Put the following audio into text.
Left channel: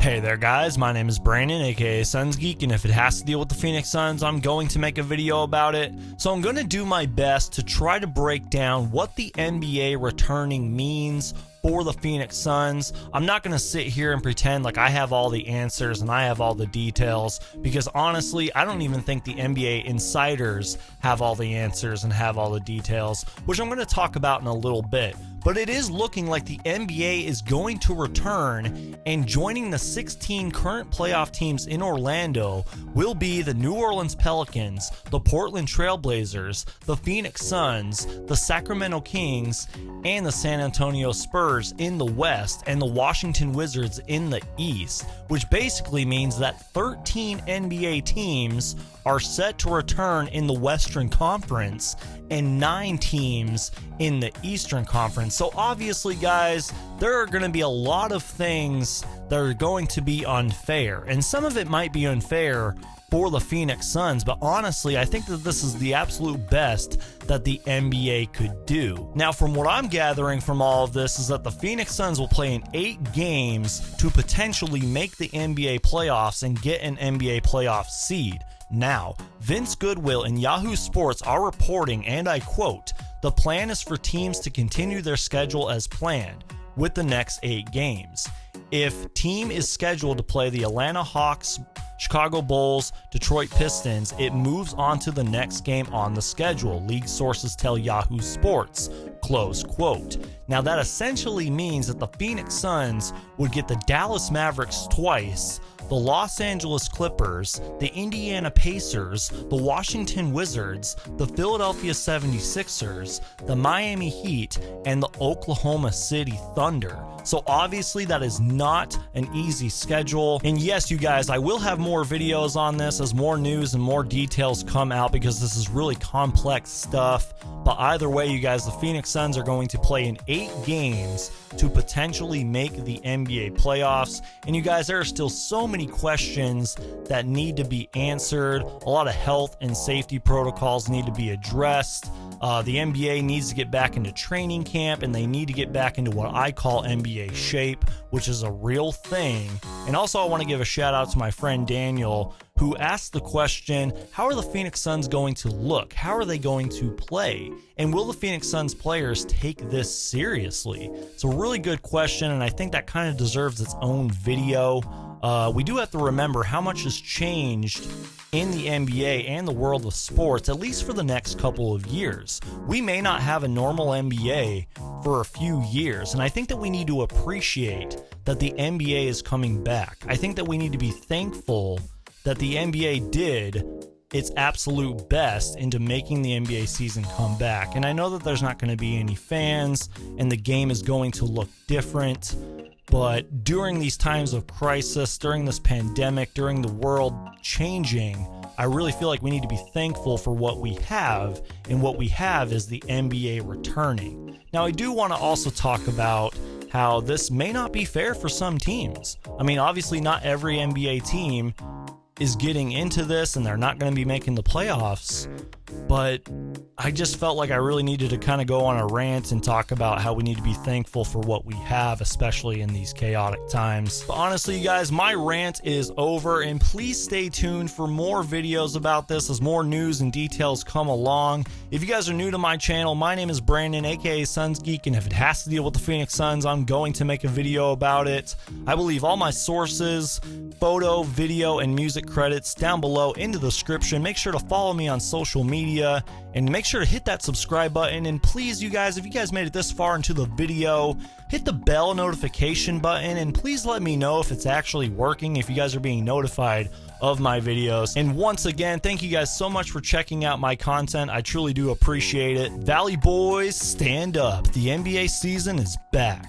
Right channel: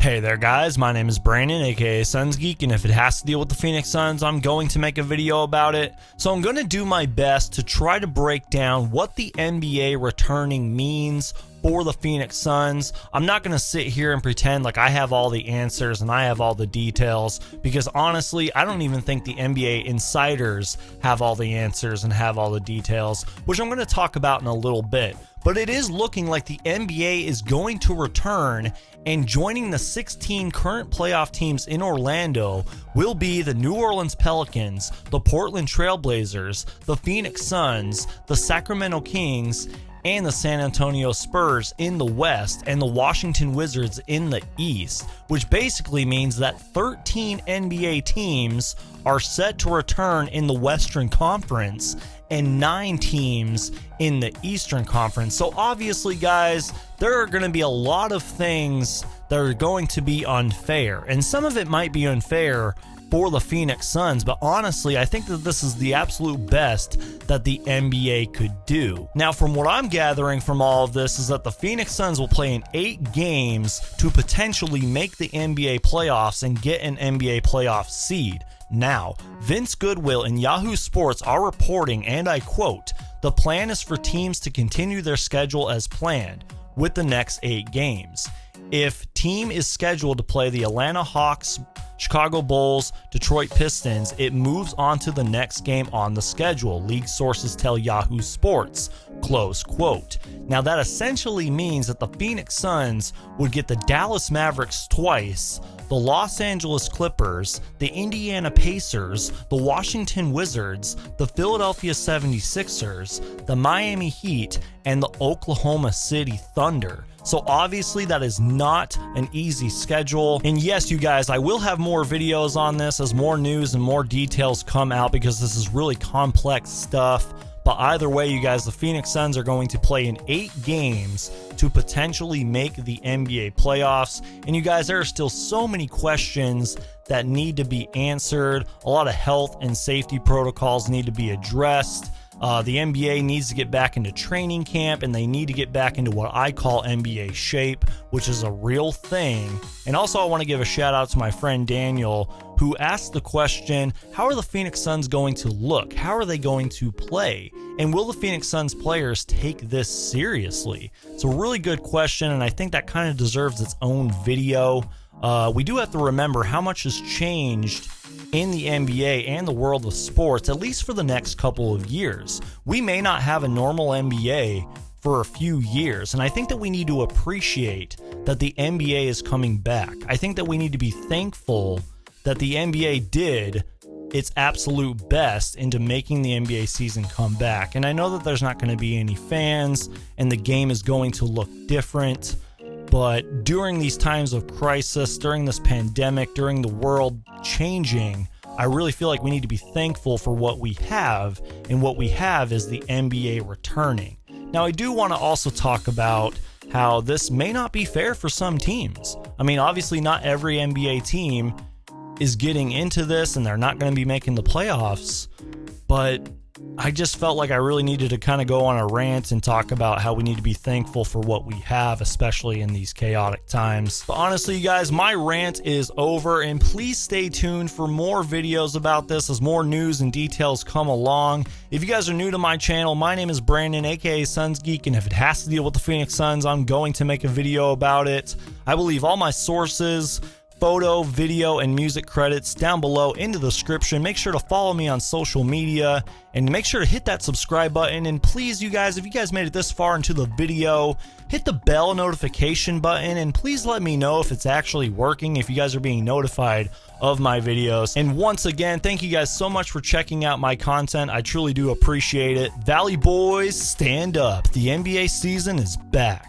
Hey there guys, my name is Brandon aka Suns Geek, and if it has to deal with the Phoenix Suns, I'm going to make a video about it. So I'm going to do my best to try to break down what the NBA returning means for the Phoenix Suns. I'm not going to sit here and pretend like I have all the answers and I have all the details, because honestly, I don't even think the NBA insiders have all the answers and have all the details, which I'm going to talk about in a little bit. But it is looking like the NBA is going to return, and joining the 16 current playoff teams in Orlando will be the New Orleans Pelicans, the Portland Trail Blazers, the Phoenix Suns, the Sacramento Kings, and the San Antonio Spurs in the West, and the Washington Wizards in the East, which basically means that 13 NBA teams are set to return in the Western Conference and 9 teams in the Eastern Conference. So obviously, guys, there are going to be a lot of things that are going to be unfair, and some of it might be unfair for the Phoenix Suns, but honestly, I think that this is the absolute best that the NBA could do. Now, from what I'm gathering from all of this is that the Phoenix Suns will play in 8 games to potentially make the NBA playoffs and get an NBA playoff seed. Now, Vince Goodwill and Yahoo Sports are reporting, and I quote, "The plan is for teams to continue their schedule as planned with the next 8 games. If team is scheduled to play the Atlanta Hawks, Chicago Bulls, Detroit Pistons, it moves on to the next game on the schedule, league sources tell Yahoo Sports," close quote. Now that essentially means that the Phoenix Suns would get the Dallas Mavericks twice, the Los Angeles Clippers, the Indiana Pacers, the Washington Wizards, the Philadelphia 76ers, the Miami Heat, and the Oklahoma City Thunder. So obviously that is not an easy schedule. And yes, you guys, I will have more videos on this as more news and more details come out, because this is really complex stuff. But either way, you guys, the Phoenix Suns are going to play in 8 games to potentially make the NBA playoffs. And you guys, there are still so many questions that need to be answered. A lot of health and safety protocols need to be addressed. The NBA needs to get back into training camp, and they need to get back into what I call NBA shape, which is a real thing. And also, I want to give a shout out to my friend Daniel, who asked the question, how are the Phoenix Suns going to look? How are they going to play? And will the Phoenix Suns players take this seriously? It's a really good question, and I think that kind of deserves its own video. We do have to remember how much has changed in the NBA and the world of sports, at least for the next couple of years. We may not have a normal NBA for a few years, and I think that we need to appreciate that the NBA is coming back. I think that we need to be thankful that the NBA did its absolute best into making the NBA season come back. And I know that there's not going to be any fans and the game is going to look different, but during these times of crisis, during this pandemic, during the world changing, I really feel like we need to be thankful for what we have, and what we have is the NBA returning. Now, I do want to also talk about how this may not be fair for some teams. I mean, obviously not every NBA team is getting into this, and they're not going to be making the playoffs, but I just felt like I really needed to kind of go on a rant and talk about how we need to be thankful for what we have, especially in these chaotic times. But honestly, you guys, my rant is over, and please stay tuned for more videos about this as more news and details come along. If you guys are new to my channel, my name is Brandon aka Suns Geek, and if it has to deal with the Phoenix Suns, I'm going to make a video about it. I will leave all my sources, photo, video, and music credits down below in the description. Make sure to follow me on social media, and make sure to hit that subscribe button. And please, you guys, if you guys made it this far into the video, hit the bell notification button, and please let me know if it's actually working, if you guys are being notified of my videos. And once again, thank you guys so much for checking out my content. I truly do appreciate it. Valley Boys, stand up. The NBA season is back.